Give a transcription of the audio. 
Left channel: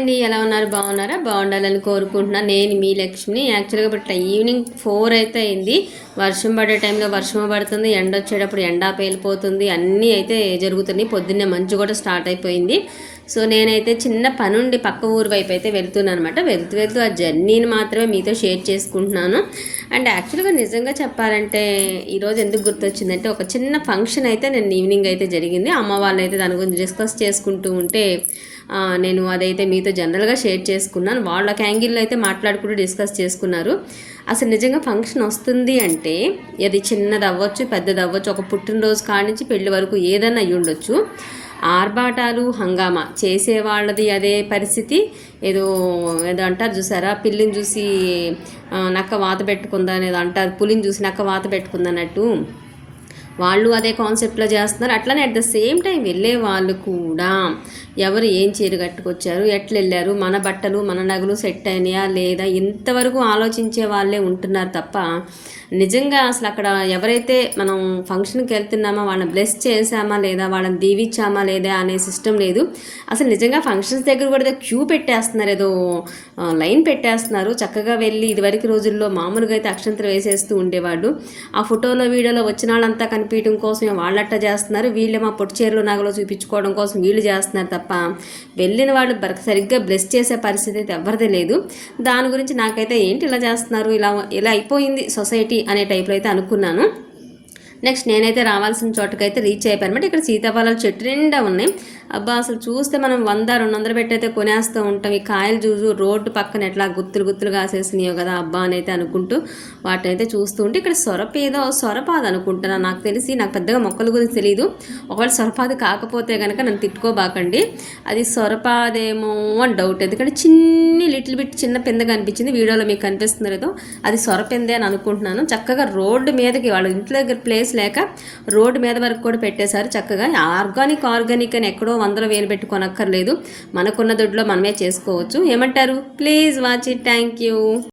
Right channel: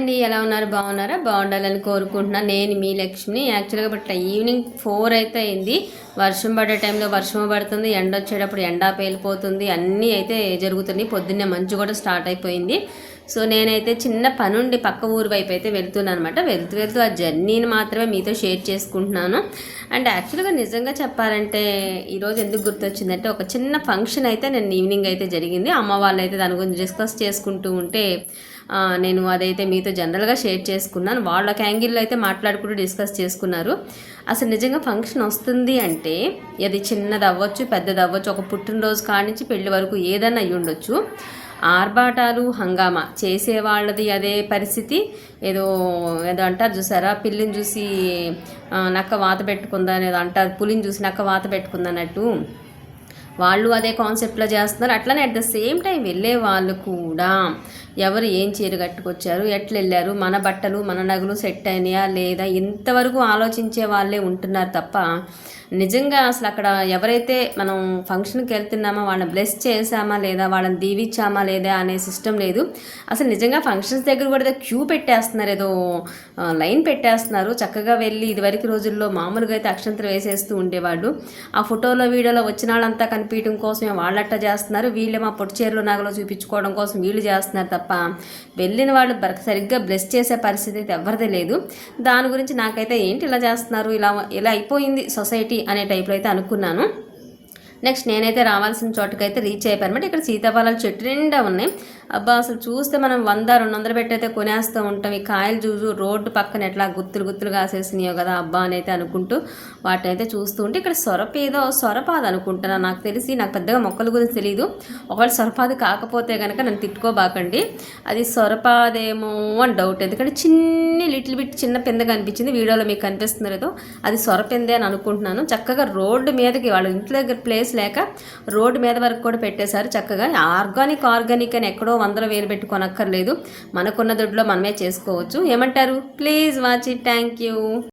అండి ఎలా ఉన్నారు? బాగున్నారా? బాగుండాలని కోరుకుంటున్నాను. నేను మీ లక్ష్మిని. యాక్చువల్గా ఇప్పుడు ఈవినింగ్ ఫోర్ అయితే అయింది. వర్షం పడే టైంలో వర్షం పడుతుంది. ఎండ వచ్చేటప్పుడు ఎండ పేలిపోతుంది. అన్నీ అయితే జరుగుతున్నాయి. పొద్దున్నే మంచు కూడా స్టార్ట్ అయిపోయింది. సో నేనైతే చిన్న పనుండి పక్క ఊరు వైపు అయితే వెళ్తున్నాను అనమాట వెళ్తూ వెళ్తూ ఆ జర్నీని మాత్రమే మీతో షేర్ చేసుకుంటున్నాను. అండ్ యాక్చువల్గా నిజంగా చెప్పాలంటే ఈరోజు ఎందుకు గుర్తొచ్చిందంటే ఒక చిన్న ఫంక్షన్ అయితే నేను ఈవినింగ్ అయితే జరిగింది. అమ్మ వాళ్ళు అయితే దాని గురించి డిస్కస్ చేసుకుంటూ ఉంటే నేను అదైతే మీతో జనరల్గా షేర్ చేసుకున్నాను. వాళ్ళ యాంగిల్లో అయితే మాట్లాడుకుంటూ డిస్కస్ చేసుకున్నారు. అసలు నిజంగా ఫంక్షన్ వస్తుంది అంటే అది చిన్నది అవ్వచ్చు పెద్దది అవ్వచ్చు ఒక పుట్టినరోజు కానించి పెళ్ళి వరకు ఏదైనా అయ్యి ఉండొచ్చు ఆర్భాటాలు హంగామా చేసే వాళ్ళది అదే పరిస్థితి. ఏదో ఏదో అంటారు చూసారా? పిల్లిని చూసి నక్క వాత పెట్టుకుందా ఏదో అంటారు. పులిని చూసి నక్క వాత పెట్టుకుందన్నట్టు. వాళ్ళు అదే కాన్సెప్ట్లో చేస్తున్నారు. అట్లనే అట్ ద సేమ్ టైం వెళ్ళే వాళ్ళు కూడా ఎవరు ఏం చీర కట్టుకొచ్చారు ఎట్లా వెళ్ళారు మన బట్టలు మన నగలు సెట్ అయినాయా లేదా ఇంతవరకు ఆలోచించే వాళ్ళే ఉంటున్నారు తప్ప నిజంగా అసలు అక్కడ ఎవరైతే మనం ఫంక్షన్కి వెళ్తున్నామో వాళ్ళని బ్లెస్ చేసామా లేదా వాళ్ళని దీవించామా లేదా అనే సిస్టమ్ లేదు. అసలు నిజంగా ఫంక్షన్స్ దగ్గర కూడా క్యూ పెట్టేస్తున్నారు ఏదో లైన్ పెట్టేస్తున్నారు. చక్కగా వెళ్ళి ఇదివరకు రోజుల్లో మామూలుగా అయితే అక్షంతరం వేసేస్తూ ఉండేవాడు ఆ ఫోటోలో వీడియోలో వచ్చిన వాళ్ళంతా కనిపించడం కోసమే వాళ్ళట్ట చేస్తున్నారు? వీళ్ళు మా పొట్టి చీరలు నగలు చూపించుకోవడం కోసం వీళ్ళు చేస్తున్నారు తప్ప వెళ్ళిన వాళ్ళు బర సరిగ్గా బ్లెస్ చేసే పరిస్థితి అయితే ఎవరిదే లేదు. దాని గురించి నాకైతే ఏంటి ఇలా చేస్తున్నారు? ఇలా ఇలా అయిపోయింది సొసైటీ అనే టైప్లో అయితే అనుకున్నాను. నెక్స్ట్ నేనైతే రావాల్సిన చోటుకైతే రీచ్ అయిపోయానమాట ఇక్కడ సీతాఫలాలు చెట్టు నిండా ఉన్నాయి. అబ్బా అసలు చూస్తే మనం వంద రెండు వందలు పెట్టి అయితే కొనేస్తూ ఉంటాం. ఈ కాయలు చూసు రోడ్డు పక్కన ఎట్లా గుత్తులు గుత్తులు కాసేసినాయో కదా అబ్బా అని అయితే అనుకుంటూ వాటిని అయితే చూస్తూ ఉంటే ఇక్కడ సొరప ఏదో సొరపాది అనుకుంటున్నాను నాకు తెలిసి నాకు పెద్దగా మొక్కల గురించి తెలియదు ఒకవేళ సొరపాది కాకపోతే కనుక నన్ను తిట్టుకోబాకండి. అది సొరపాదేమో అని డౌట్ ఎందుకంటే చిన్ని లిటిల్ బిట్ చిన్న పెంద కనిపించింది వీడియోలో మీకు కనిపిస్తుంది లేదో అది సొరపిందే అని అనుకుంటున్నాను. చక్కగా రోడ్డు మీదకి వాళ్ళ ఇంటి దగ్గర ప్లేస్ లేక రోడ్డు మీద వరకు కూడా పెట్టేశారు చక్కగా. ఆర్గానిక్ ఆర్గానిక్ అని ఎక్కడో వందల వేలు పెట్టి కొనక్కర్లేదు మనకున్న దొడ్లో మనమే చేసుకోవచ్చు. ఏమంటారు? Please watch it. Thank you.